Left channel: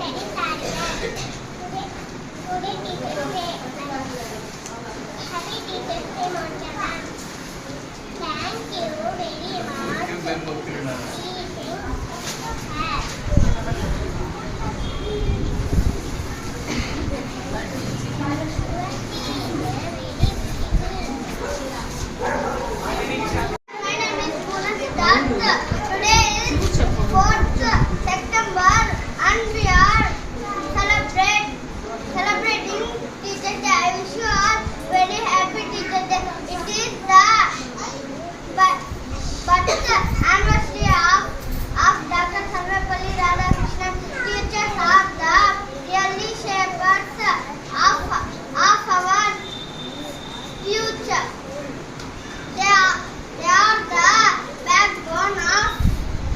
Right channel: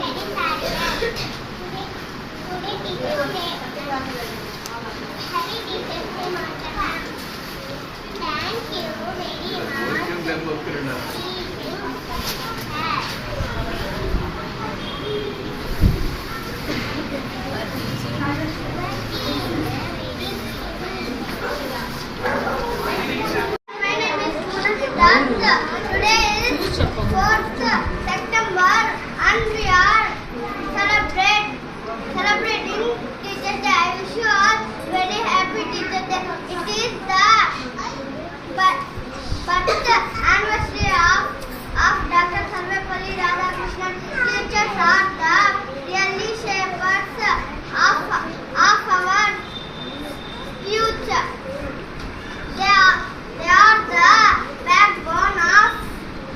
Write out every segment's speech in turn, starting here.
very sad. Today Teachers Day. Happy Teachers Day, Monica ma'am. Thank you very much. My name is Poonam Siddharth. Today is 4th September and we are celebrating Teachers Day. I wish you all very happy Teachers Day. It is the birth anniversary of Dr. Sarvepalli Radhakrishnan. Teachers are the really shapers of our future. They are the backbone of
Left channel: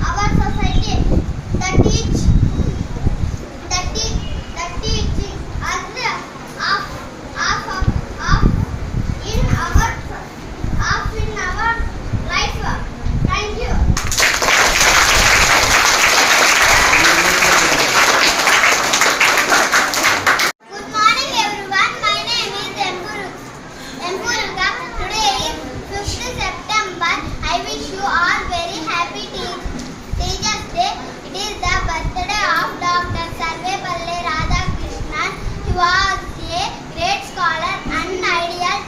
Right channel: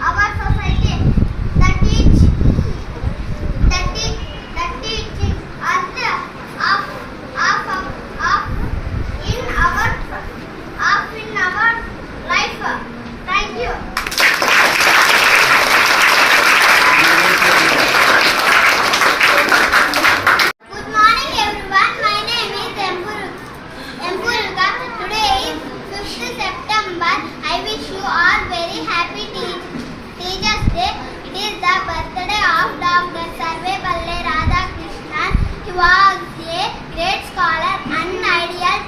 our society. That teaching us in our life. Thank you. Good morning everyone. My name is Empurga. Today is 5th September. I wish you all very happy Teachers Day. It is the birthday of Dr. Sarvepalli Radhakrishnan. He was a great scholar and ideal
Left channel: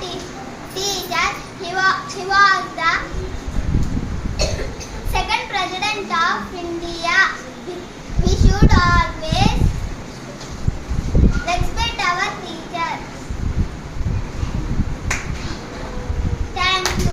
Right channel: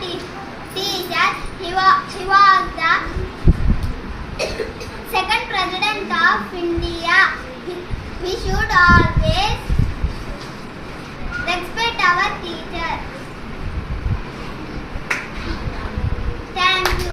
teacher. He was the